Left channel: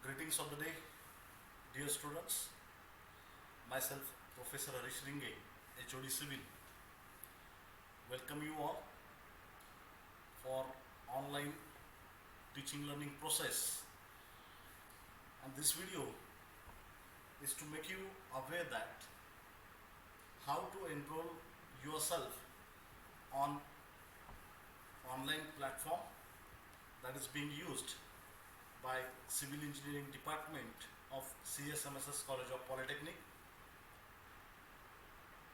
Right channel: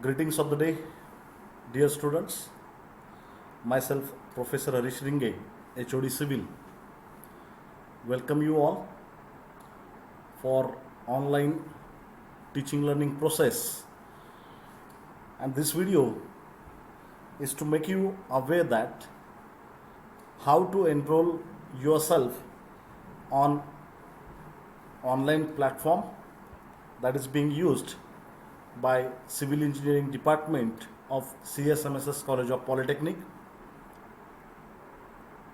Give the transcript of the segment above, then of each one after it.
Greetings of the day, dear students. Myself, Professor Harish Ringe, HOD Civil, welcome you all for online teaching learning process. And this video is to make you aware that how to enroll yourself on online platform that is being used by Civil Engineering Department of CSMSS College of Polytechnic.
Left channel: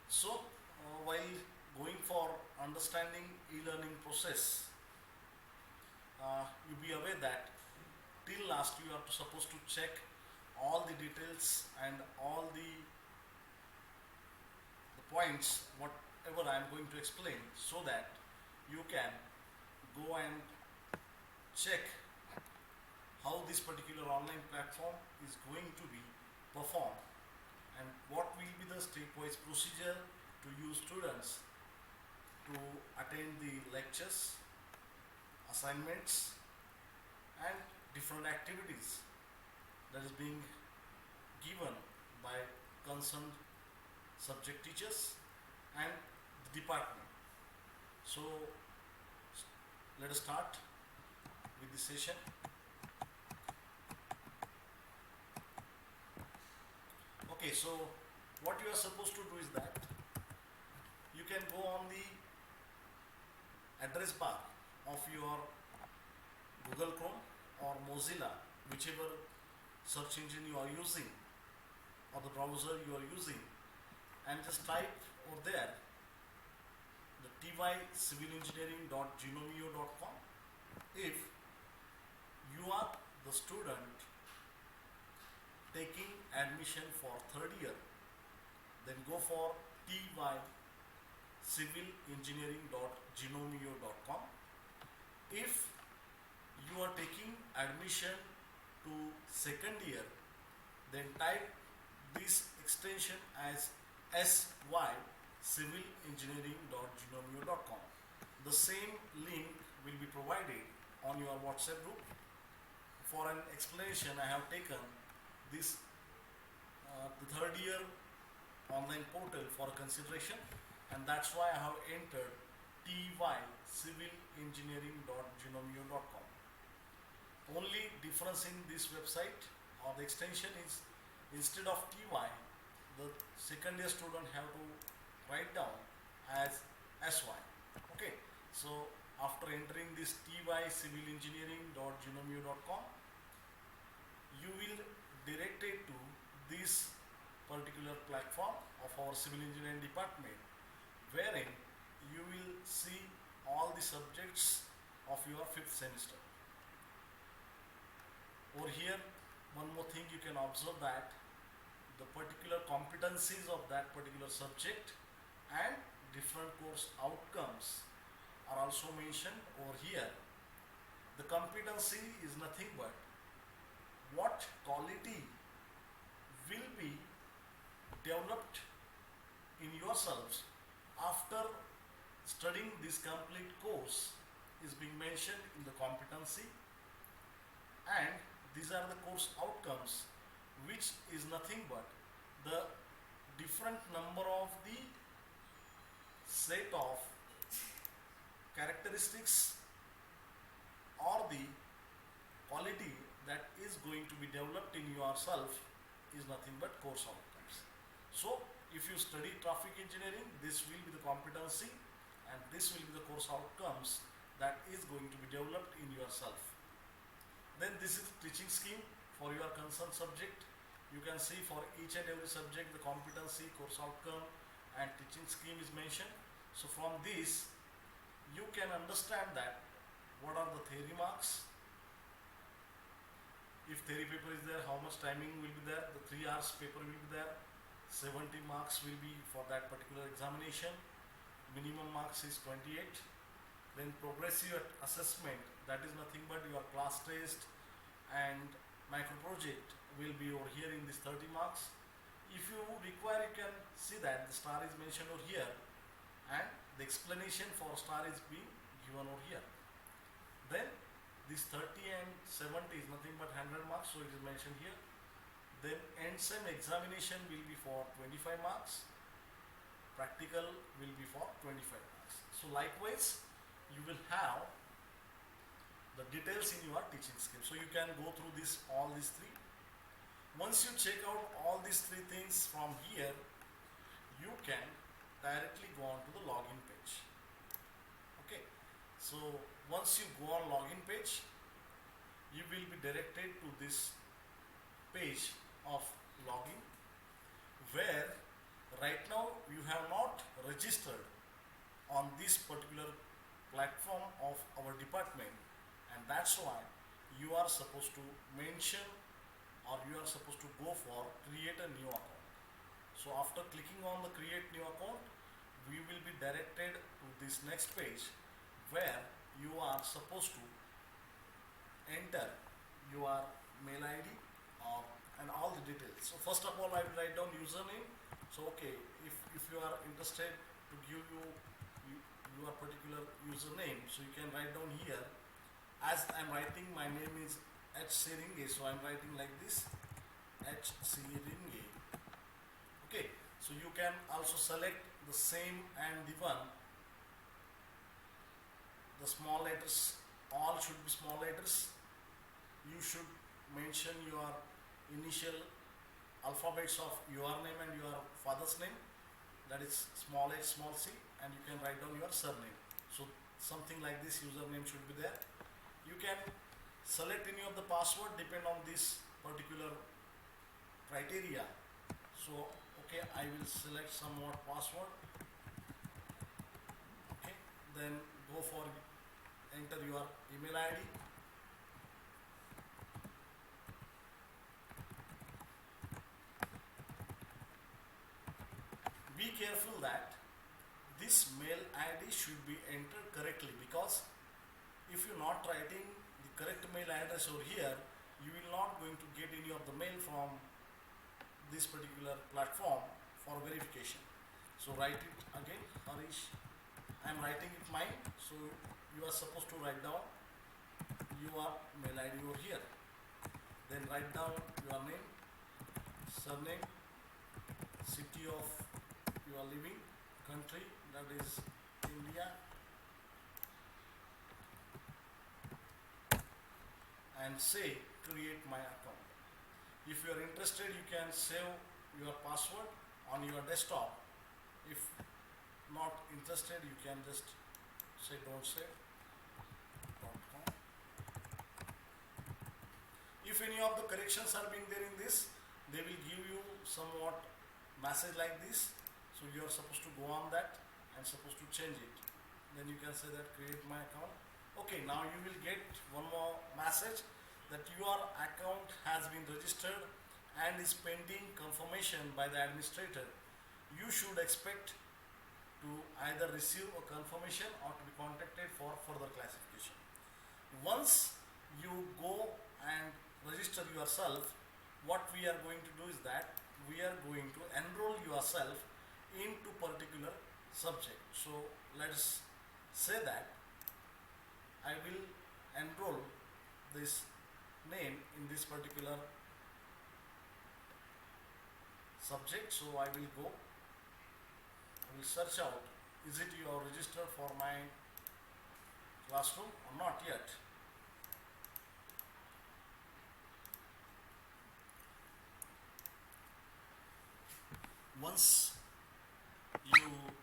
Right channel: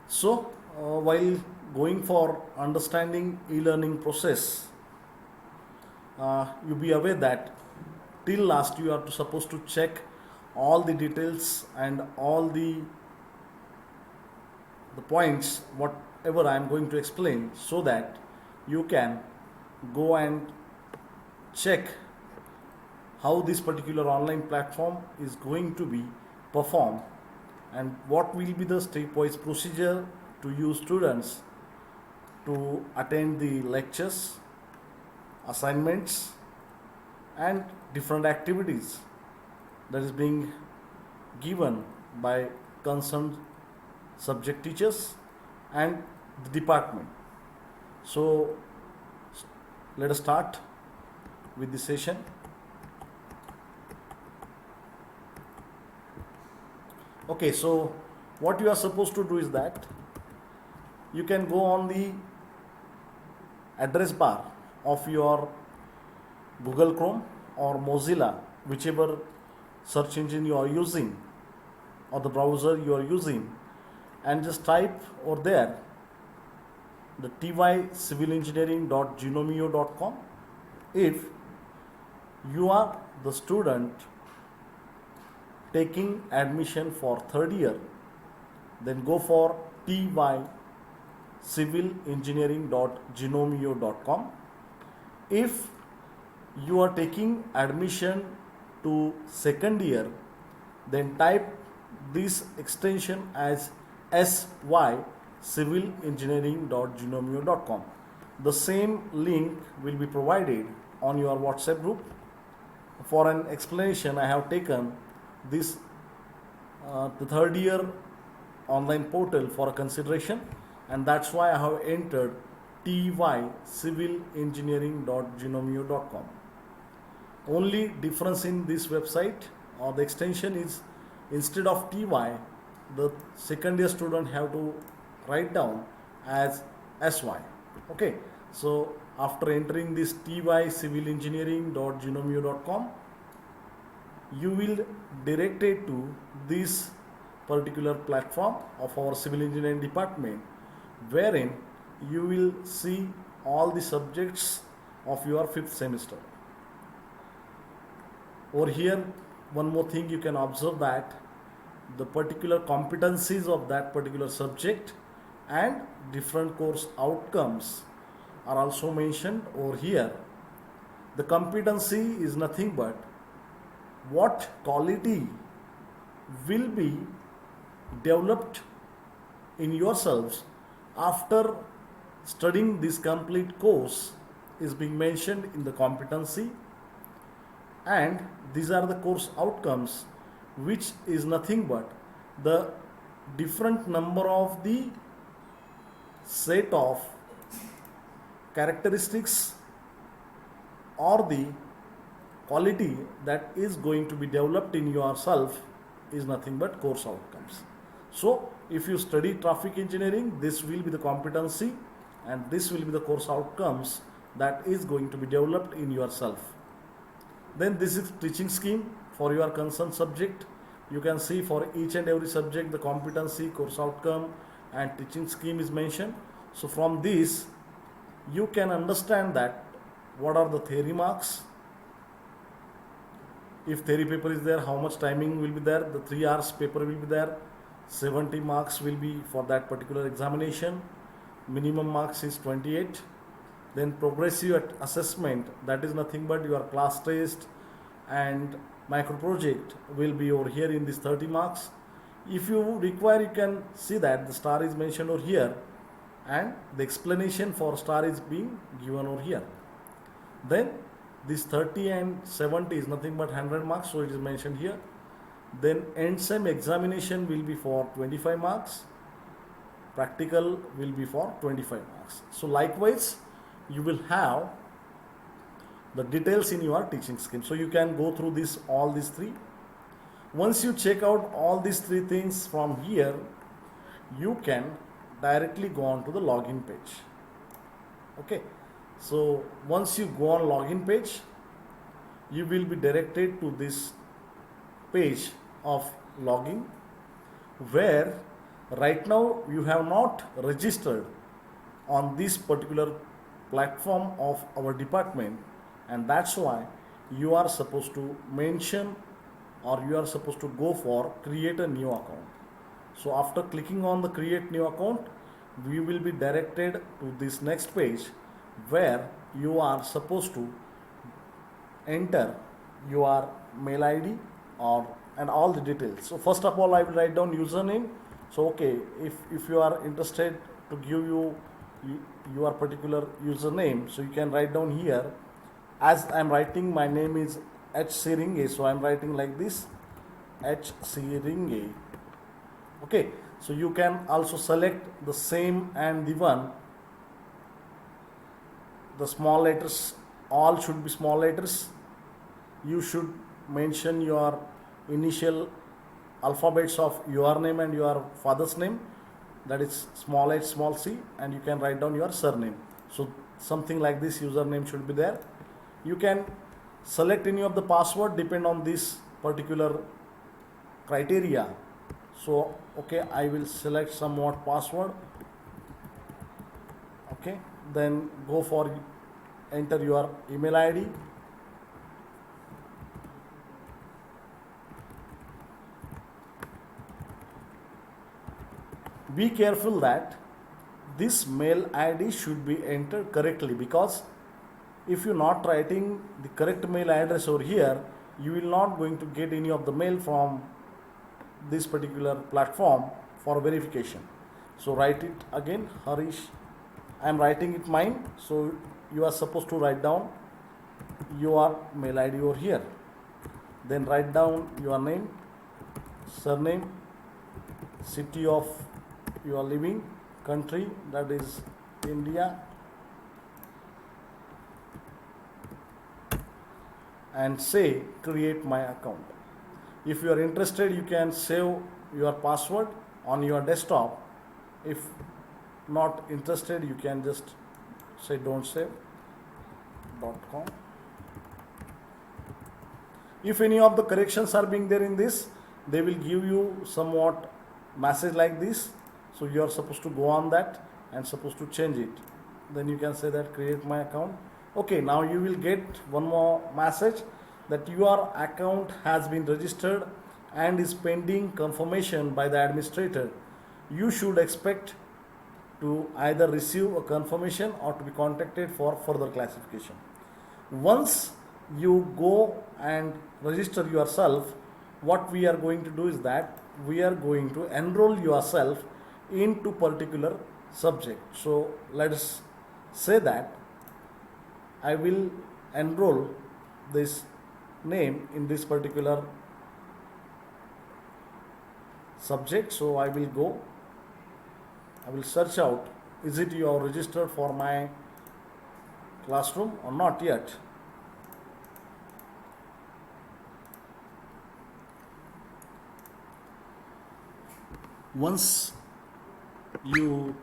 So, while going for understanding e-learning process, you be aware that till last you are supposed to check all the details and all the points whatever I am going to explain, so that you can go and check how this particular online platform is going to be performed and what will be the stepwise procedure to use students to attend the lectures, assignments and different activities that is being given by concerned subject teachers and the department. So let us start with the session. Okay, so what you are supposed to do is that you can go on the address bar of your Google Chrome or Mozilla, whichever search engine you are using or the browser you are using, and just type over there the tycivilengineering.gnomeo.com. If you are the student taking admission for third year, then go for tycivilengineering.gnomeo.com. If you are taking admission to second year, then type this extension as sycivilengineering.gnomeo.com. The same link will be provided on your WhatsApp group. For an explanation, I have taken this the third year online portal for consideration, and that's why I have entered tycivilengineering.gnomeo.com. Only difference in this website or the extension is, instead of ty, the second year student have to write down as sy. Okay, so after entering this tycivilengineering.gnomeo.com, you will directed to this particular platform of our civil engineering department, wherein you will see all the subjects of your fifth semester. Over here, one more thing you can observe, that the particular competencies of that particular subject and different course outcomes are also mentioned over here. The competency is nothing but what quality will be developed in yourselves after studying this complete course is being mentioned in the competency, and these are the course outcomes, which is nothing but the different number of the set of characteristics or the quality that is going to be developed in yourself is nothing but course outcomes. So if you study traffic engineering, this will be the competency and this will be the course outcomes that is going to be developed in yourself. Then this is teaching scheme for your concerned subject. You can see for each and every subject the competency, course outcome and teaching scheme is mentioned. So from this you can understand that what are the theory marks. If theory paper is there, how much timing will be there? The 3 hours paper will be there. 70 marks will be for that particular examination. Minimum marks is 28. Then progressive assessment, that is nothing but your class test and micro project will be over here in this 30 marks. If you require, you can see that the star is mentioned over here and the explanation for star is being given over here. Then This 30 and 70 is nothing but 100 marks, so it is mentioned here. Then end sem examination will be for 25 marks, practical will be for 25 marks. So likewise you will have the details in your teaching scheme, so you can go through this all these three. Once you check out all these three things from here, you can directly go on to the login page. Okay, so once you go on login page, you will be directed to this page of login, where right now you have not registered on this particular platform of our department, and that's why you are supposed to mention, or you are supposed to go for create a new account. So after clicking on the create new account, we will be directed to this next page, where you are supposed to enter your mail ID or and all the details. So first of all I will write down username. So okay, if you are interested to give your particular username, so you can write down here. As I am writing, my name is H. Siringe, so I am writing like this, H. Siringe. Okay, so you can also select the same and the one. The small letters, all should be small letters. You should mention your initial alphabets of your name and your father's name, that is small h small c, and you can write down your surname. So something like this username should be there. You can select any of the password, depend on this particular criteria. So okay, I will select somewhat password. Okay, then go for enter your email ID. Be careful that this mail ID should be entered correctly, because if you're not writing the correct mail address over here, you will not going to get any of the mail from this particular platform for verification. So write it again, Harish. I am writing it mine, so you are supposed to write down your mail ID over here. Then write down your name, surname, city of you are living, country, that is India, and say create my account. If you are interested, you can save your password on your desktop. If not interested, you can just say don't save .com. If any of the corrections are being there in this, they will give you somewhat message like this, so you are supposed to go on that and supposed to change it. Then you can say that create my account. Okay, now you will get one more message that your account has been registered and is pending confirmation by the administrator. You should expect to either receive a confirmation or to be contacted for further classification. Once you go and register yourself, what we are going to do is that we are going to enroll yourself into particular subject. So let us say that I will enroll this name in this particular subject. So I will go, I will search out, is it you are registered for my classroom or not yet. Once you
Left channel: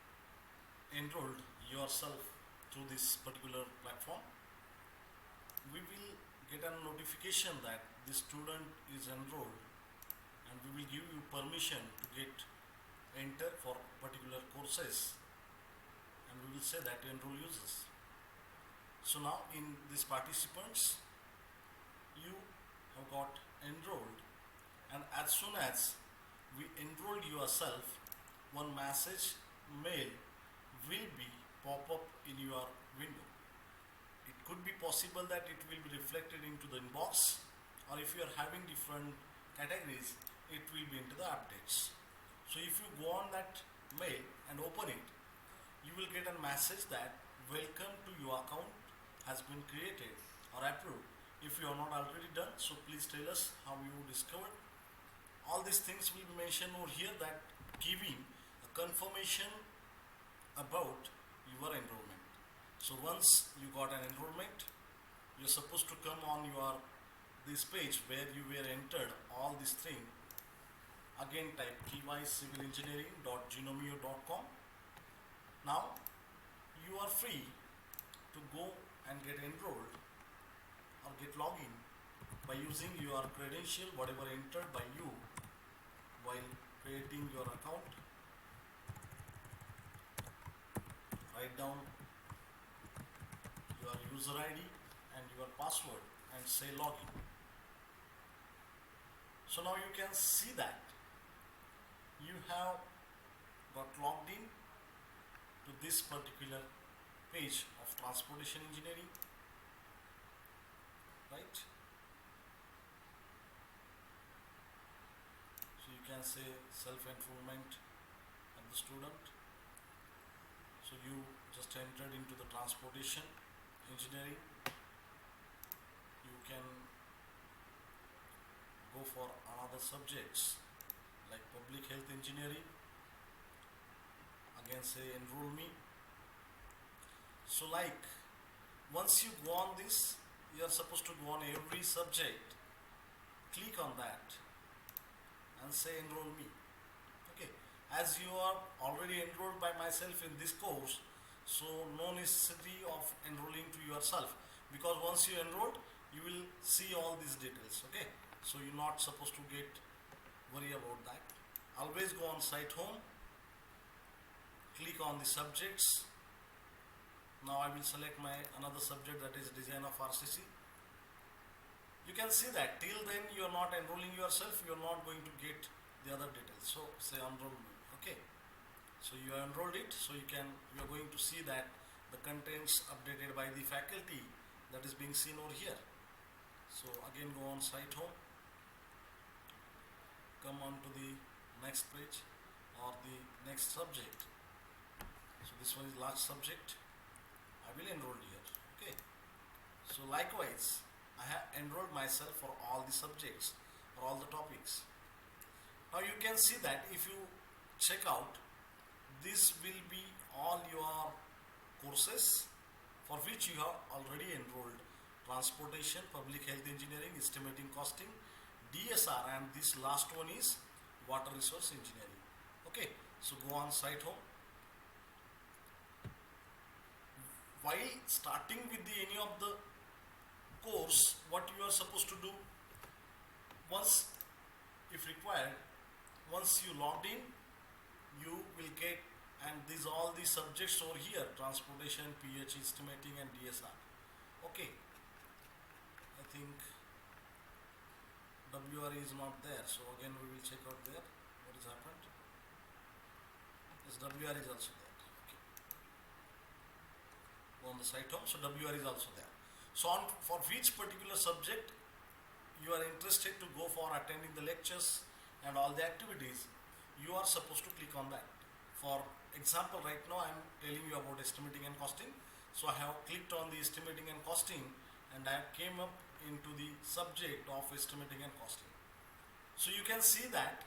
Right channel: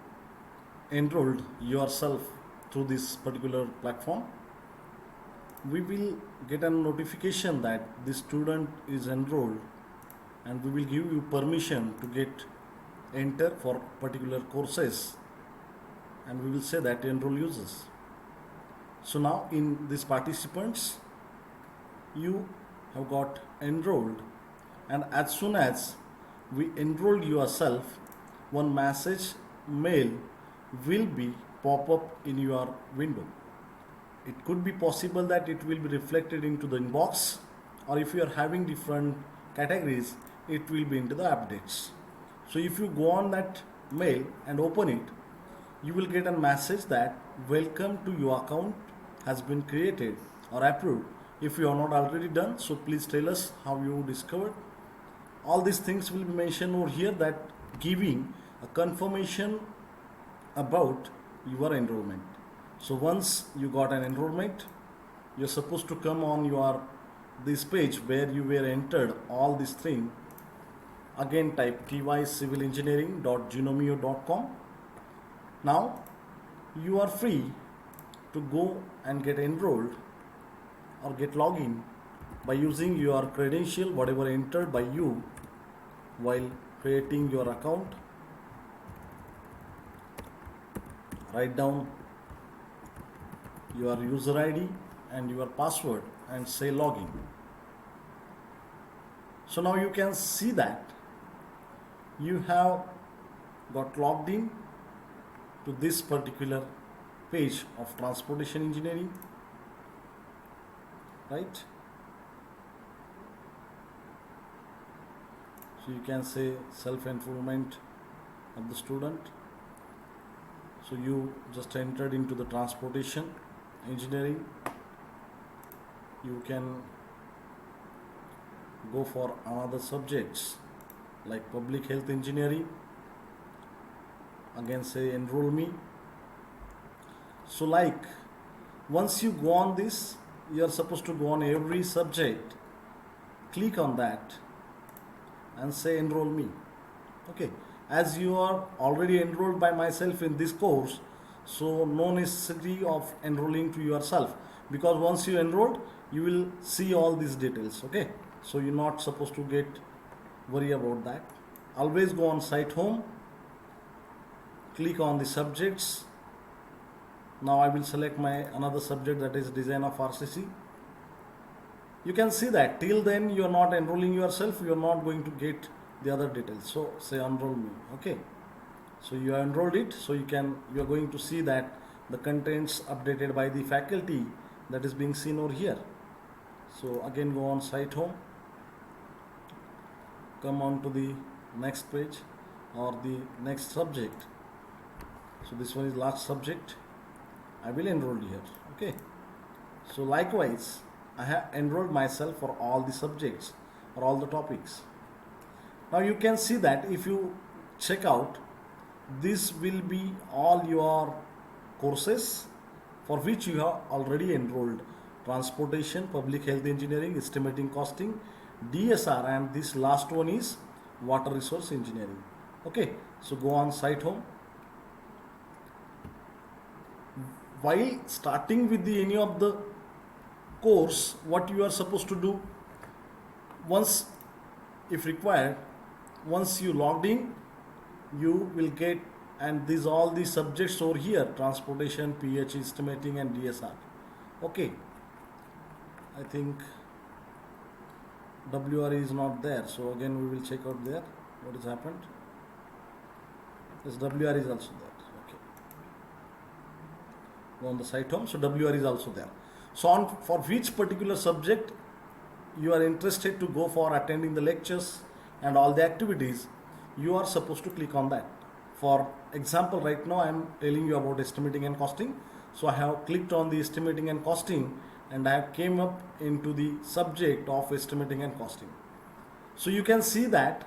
enrolled yourself through this particular platform, we will get a notification that the student is enrolled, and we will give you permission to get enter for particular courses, and we will say that enroll users. So now in these participants, you have got enrolled, and as soon as we enroll yourself, one message mail will be pop up in your window. It could be possible that it will be reflected into the inbox, or if you are having different categories, it will be into the updates. So if you go on that mail and open it, you will get a message that welcome to your account has been created or approved. If you are not already done, so please tell us how you discovered. All these things will be mentioned over here, that giving a confirmation about your enrollment. So once you got an enrollment, you're supposed to come on your this page where you were entered all these things. Again type tycivilengineering.genomio.com. Now you are free to go and get enrolled or get login by using your credential whatever entered by you while creating your account. Write down your user ID and your password and say login. So now you can see that you have got logged in to this particular page of transportation engineering, right? So you can say self-enrollment of the student. So you just entered into the transportation engineering. You can go for another subjects like public health engineering. Again say enroll me. So like once you go on this, you are supposed to go on every subject, click on that and say enroll me. Okay, as you are already enrolled by myself in this course, so no necessity of enrolling to yourself, because once you enrolled you will see all these details. Okay, so you're not supposed to get worry about that. Always go on site home, click on the subjects. Now I will select my another subject, that is design of RCC. You can see that till then you are not enrolling yourself, you are not going to get the other details. So say enroll me. Okay, so you are enrolled it, so you are going to see that the contents updated by the faculty, that is being seen over here. So again go on site home, come on to the next page or the next subject. So this one is last subject, I will enroll here. Okay, so likewise I have enrolled myself for all the subjects or all the topics. Now you can see that if you check out, this will be all your courses for which you have already enrolled: transportation, public health engineering, estimating costing, DSR, and this last one is water resource engineering. Okay, so go on site home. While starting with any of the course, what you are supposed to do, once if required, once you logged in, you will get, and these all the subjects over here: transportation, PH, estimating, and DSR. Okay, I think WRE is not there, so again we will check out there what has happened. This WRE is also there. Okay, go on the site home. So WRE is also there. So on for which particular subject you are interested to go for attending the lectures and all the activities, you are supposed to click on that. For example, right now I am telling you about estimating and costing. So I have clicked on the estimating and costing, and I have came up into the subject of estimating and costing. So you can see that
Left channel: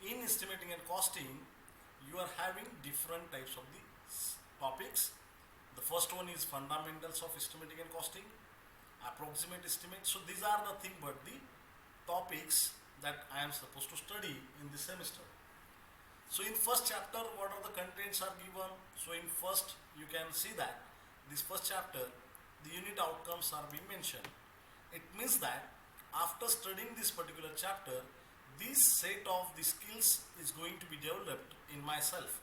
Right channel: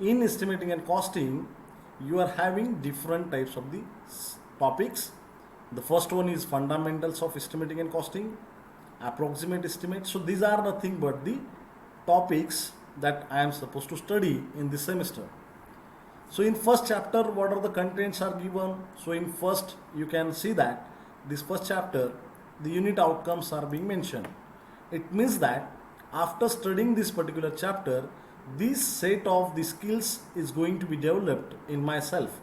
in estimating and costing you are having different types of the topics. The first one is fundamentals of estimating and costing, approximate estimate. So these are nothing but the topics that I am supposed to study in this semester. So in first chapter, what are the contents are given? So in first, you can see that this first chapter, the unit outcomes are being mentioned. It means that after studying this particular chapter, this set of the skills is going to be developed in myself.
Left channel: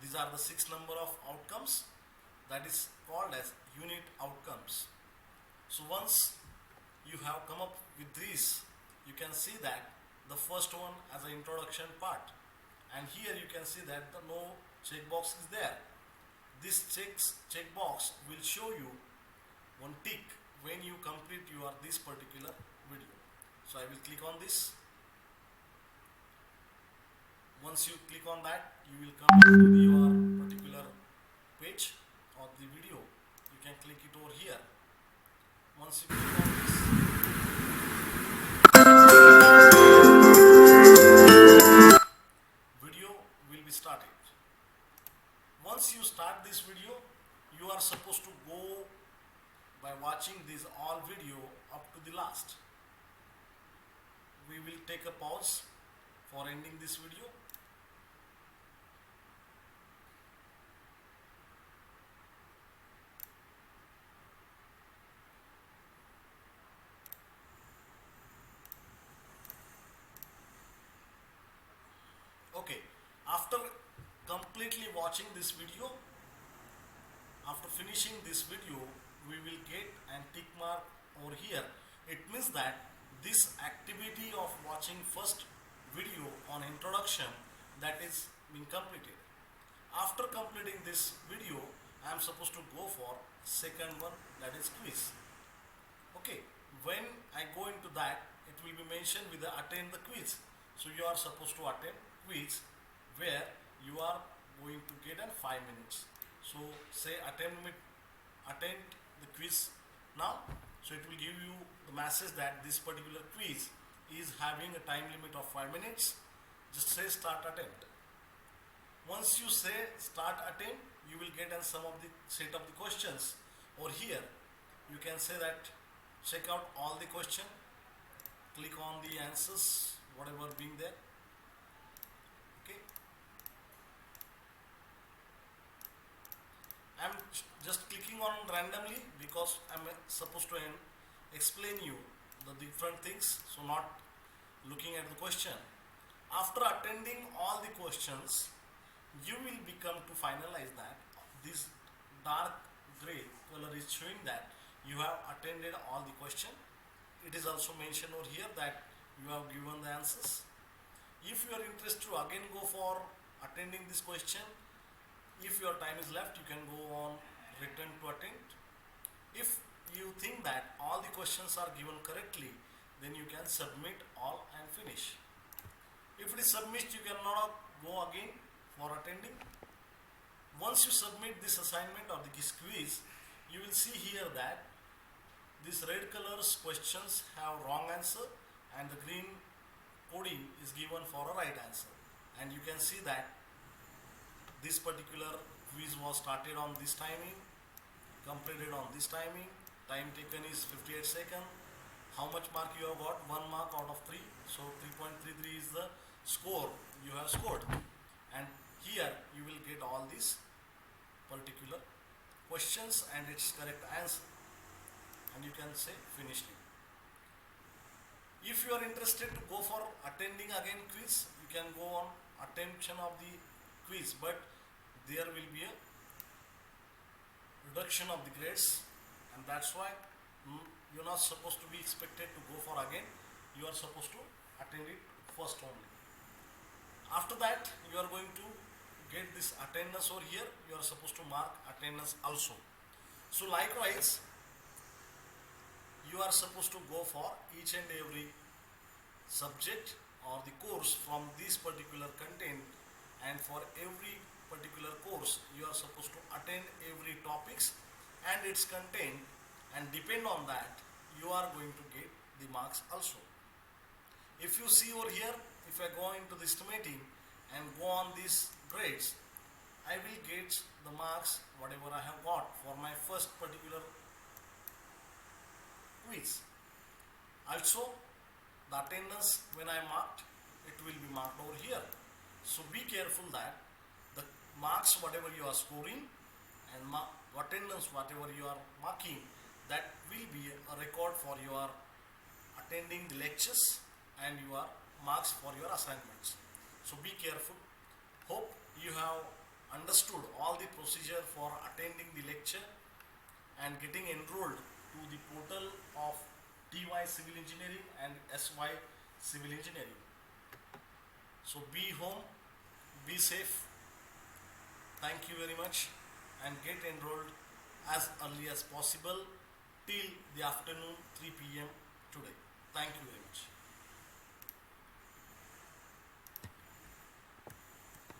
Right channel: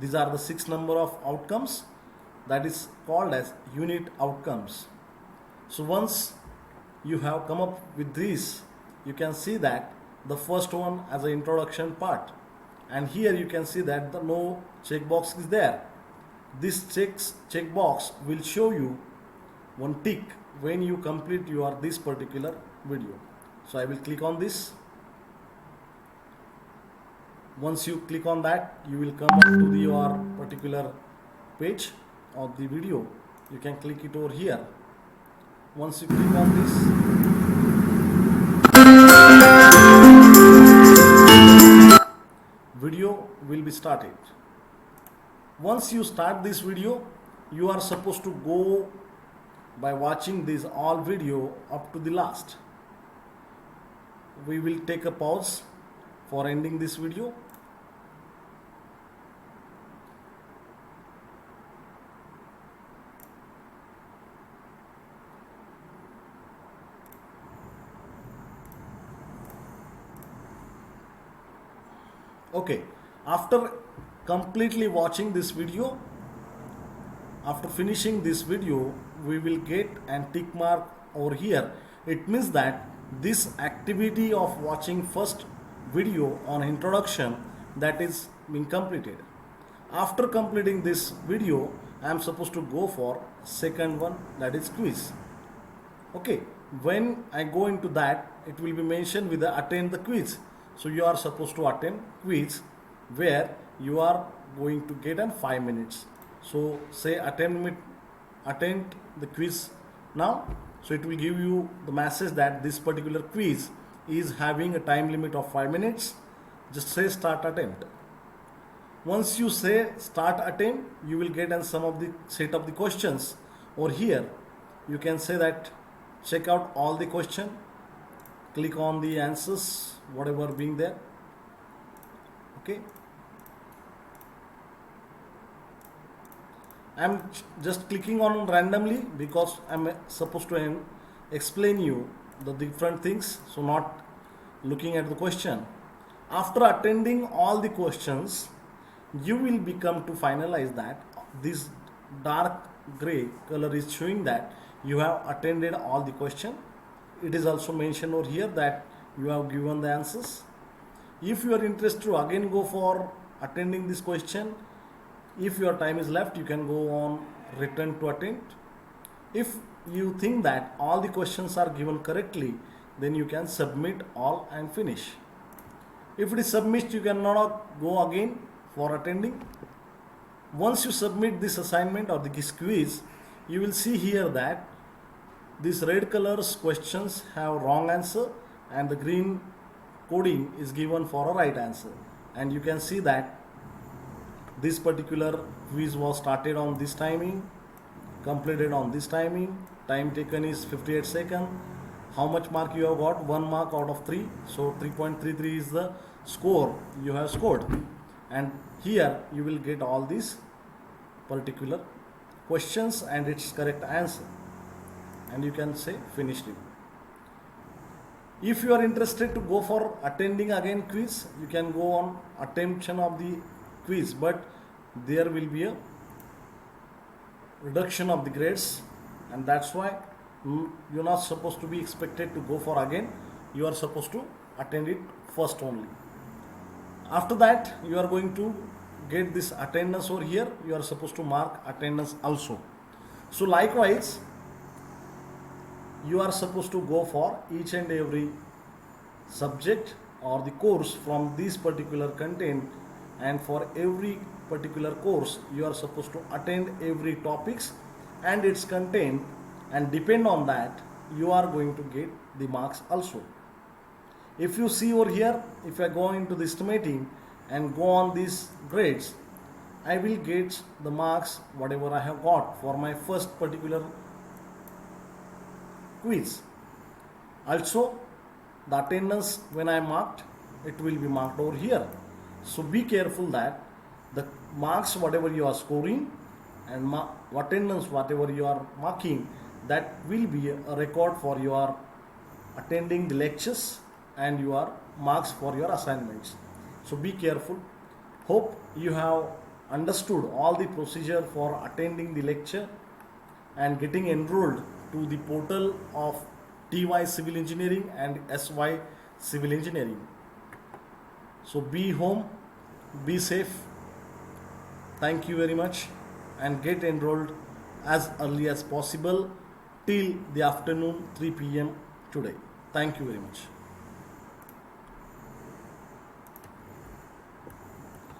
These are the 6 number of outcomes, that is called as unit outcomes. So once you have come up with this, you can see that the first one as an introduction part, and here you can see that the no checkbox is there. This checkbox will show you one tick when you complete your this particular video. So I will click on this. Once you click on that, you will come up to your particular page of the video. You can click it over here. Once you click on this, video will be started. Once you start this video, you are supposed to go by watching this all video up to the last. We will take a pause for ending this video. Okay, after completely watching this video, after finishing this video, we will get an tick mark over here. It means that this activity of watching first video on introduction, that is being completed. After completing this video, I am supposed to go for second one, that is quiz. Okay, when I go into that, it will be mentioned with the attend the quiz. So you are supposed to attend quiz where you are going to get in 5 minutes. So say attend the quiz now. So it will give you the message that this particular quiz is having a time limit of 5 minutes. Just say start attempt. Once you say start attempt, you will get in some of the set of the questions. Or here you can say that check out all the question, click on the answers whatever being there. Okay, I'm just clicking on randomly because I'm supposed to explain you the different things, so not looking at the question. After attending all the questions, you will become to finalize that this dark gray color is showing that you have attended all the question. It is also mentioned over here that you have given the answers. If you are interested to again go for attending this question, if your time is left, you can go on return to attend. If you think that all the questions are given correctly, then you can submit all and finish. If it is submit, you cannot go again for attending. Once you submit this assignment or this quiz, you will see here that this red colors questions have wrong answer and the green coding is given for a right answer. And you can see that this particular quiz was started on this timing, completed on this timing, time taken is 58 seconds. How much mark you have got? 1 mark out of 3. So 3.33 is the score you have scored. And here you will get all these particular questions and its correct answer. And you can say finished it. If you are interested to go for attending again quiz, you can go on attention of the quiz, but there will be a reduction of the grades, and that's why you're not supposed to be expected to go for again. You are supposed to attend it first only. After that, you are going to get this attendance over here. You are supposed to mark attendance also. So likewise, you are supposed to go for each and every subject or the course from this particular content, and for every particular course you are supposed to attend every topics and its content, and depend on that you are going to get the marks also. If you see over here, if I go into the estimating and go on these grades, I will get the marks whatever I have got for my first particular quiz. Also, the attendance when I marked, it will be marked over here. So be careful that the marks whatever you are scoring and attendance whatever you are marking, that will be a record for your attending the lectures and your marks for your assignments. So be careful. Hope you have understood all the procedure for attending the lecture and getting enrolled to the portal of TY Civil Engineering and SY Civil Engineering. So be home, be safe. Thank you very much, and get enrolled as early as possible till the afternoon 3 p.m. today. Thank you very much.